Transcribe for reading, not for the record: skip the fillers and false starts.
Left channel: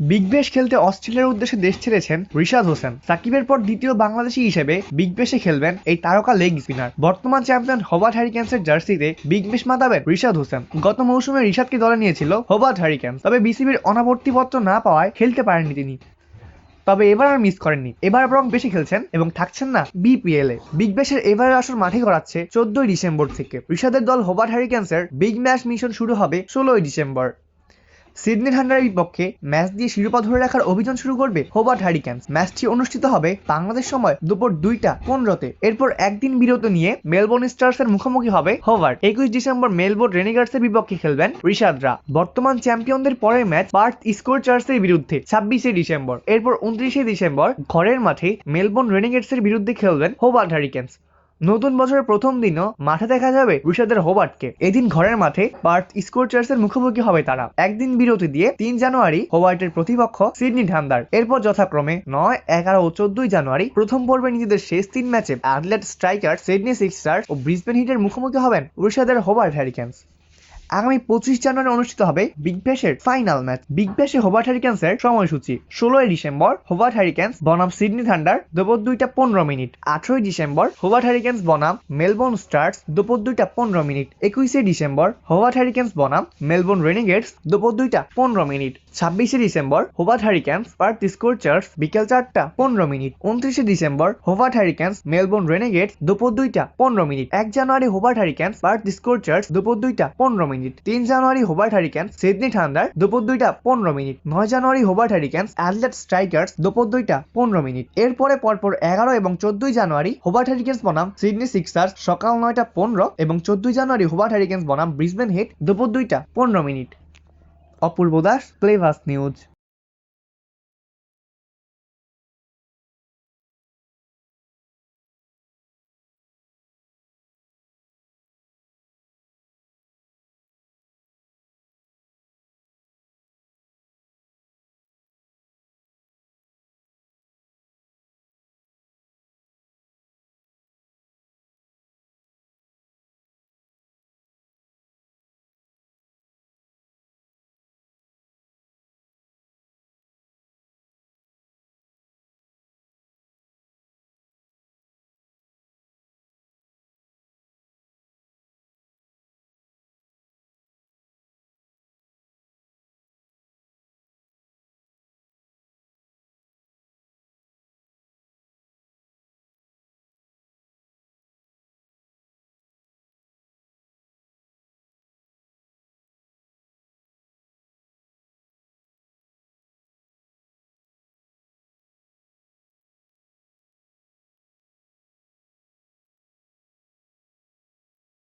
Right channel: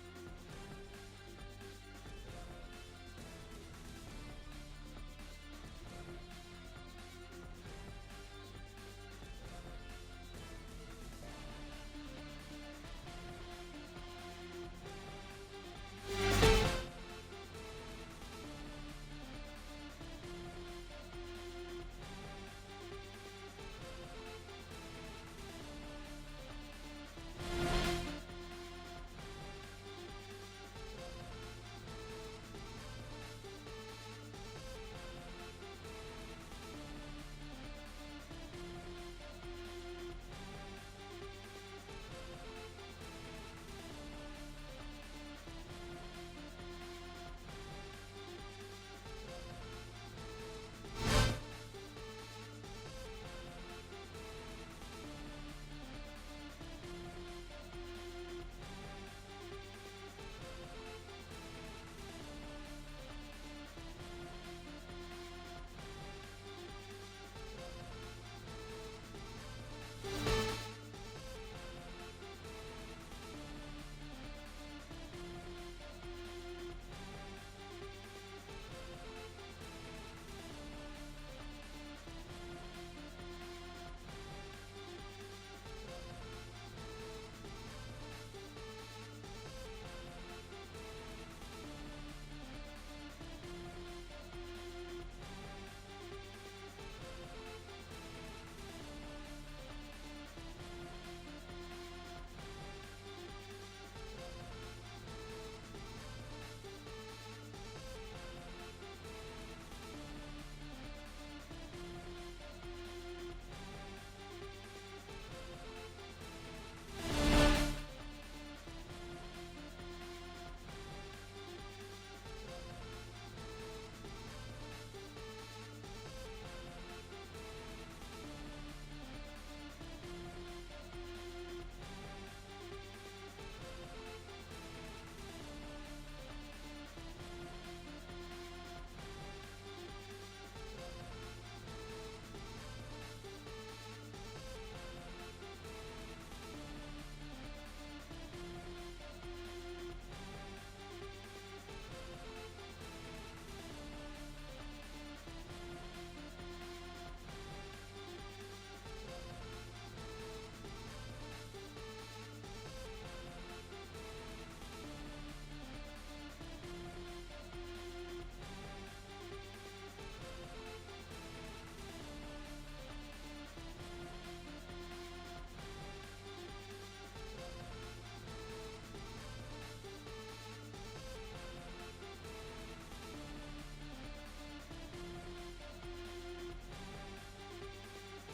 Big Bash খেলতে অস্ট্রেলিয়ার উদ্দেশ্যে দেশ ছেড়েছেন রিশাদ হোসেন। সাকিবের পর দ্বিতীয় বাংলাদেশি হিসেবে বিগ ব্যাশে খেলবেন এই তারকা লেগ স্পিনার। বর্তমান চ্যাম্পিয়ন হোবার্ট হ্যারিকেন্সের জার্সিতে বিগ ব্যাশ মাতাবেন রিশাদ হোসেন। গত মৌসুমে রিশাদকে দলে নিয়েছিল হোবার্ট হ্যারিকেন্স, তবে বিসিবির অনাবর্তিপত্র না পাওয়ায় খেলতে পারেননি তিনি। তবে এবার আর মিস করেননি, এবার বরং বেশি খেলছেন এবং থাকছেন না বিপিএল এ। বিগ ব্যাশের এবারের আসর মাঠে গড়াচ্ছে 14 ডিসেম্বর থেকে। রিশাদের দল হোবার্ট হ্যারিকেন্সের বিগ ম্যাচ মিশন শুরু হবে 16 ডিসেম্বর। সিডনি থান্ডারের বিপক্ষে ম্যাচ দিয়ে শিরোপা ধরে রাখার অভিযান শুরু করবে হোবার্ট হ্যারিকেন্স। ম্যাচটি অনুষ্ঠিত হবে বাংলাদেশ সময় দুপুর 2টা 15-তে। এরপর একদিন বিরতি নিয়ে মেলবোর্ন স্টার্সের মুখোমুখি হবে হোবার্ট। 21 ডিসেম্বর মেলবোর্ন রেনিগার্সের বিপক্ষে খেলবেন রিশাদরা। বর্তমান চ্যাম্পিয়নদের পরের ম্যাচ পার্থ স্কোরচার্সের বিরুদ্ধে 26শে ডিসেম্বর। এরপর 29শে ডিসেম্বর ঘরের মাঠে মেলবোর্ন রেনিগেটসের বিরুদ্ধে খেলবেন হোবার্ট হ্যারিকেন্স। নতুন বছরের প্রথম দিনও মাঠে দেখা যাবে রিশাদের হোবার্টকে। এদিন ঘরের মাঠে পার্থ স্কোরচার্সের মুখোমুখি হবে তারা। একদিন বিরতি দিয়ে 3 জানুয়ারি হোবার্টের প্রতিপক্ষ সিডনি থান্ডার। এরপর যথাক্রমে 9, 11 ও 14 জানুয়ারি প্রথম পর্বে নিজেদের শেষ 3 ম্যাচে অ্যাডিলেড স্ট্রাইকার্স, সিডনি সিক্সার্স ও ব্রিসবেন হিটের মুখোমুখি হবেন রিশাদের হোবার্ট হ্যারিকেন্স। আগামী 25 জানুয়ারি অনুষ্ঠিত হবে বিগ ব্যাশের ফাইনাল ম্যাচ। বিগ ব্যাশে হোবার্ট হ্যারিকেন্সের সময়সূচি: 16 ডিসেম্বর হোবার্ট হ্যারিকেন্স বনাম সিডনি থান্ডার দুপুর 2টা 15 মিনিট। 18 ডিসেম্বর হোবার্ট হ্যারিকেন্স বনাম মেলবোর্ন স্টার্স দুপুর 2টা 15 মিনিট। 21শে ডিসেম্বর হোবার্ট হ্যারিকেন্স বনাম মেলবোর্ন রেনিগেটস দুপুর 2টা 15 মিনিট। 26শে ডিসেম্বর হোবার্ট হ্যারিকেন্স পার্থ স্কোরচার্স বিকেল 4টা 15 মিনিট। 29শে ডিসেম্বর হোবার্ট হ্যারিকেন্স মেলবোর্ন রেনিগেটস দুপুর 2টা 15 মিনিট। 1 জানুয়ারি হোবার্ট হ্যারিকেন্স পার্থ স্কোরচার্স দুপুর 2টা 15 মিনিট। 3 জানুয়ারি হোবার্ট হ্যারিকেন্স সিডনি থান্ডার দুপুর 2টা 15 মিনিট। 9 জানুয়ারি হোবার্ট হ্যারিকেন্স অ্যাডিলেড স্ট্রাইকার্স দুপুর 2টা 15 মিনিট। এরপরে পরপর 11 এবং 14 জানুয়ারি হোবার্ট হ্যারিকেন্স বনাম সিডনি সিক্সার্স সকাল 9টা 15 এবং 14 জানুয়ারি হোবার্ট হ্যারিকেন্স বনাম ব্রিসবেন হিট দুপুর 2টা 15 মিনিট। অপূর্ব দাস, প্লেভাস নিউজ।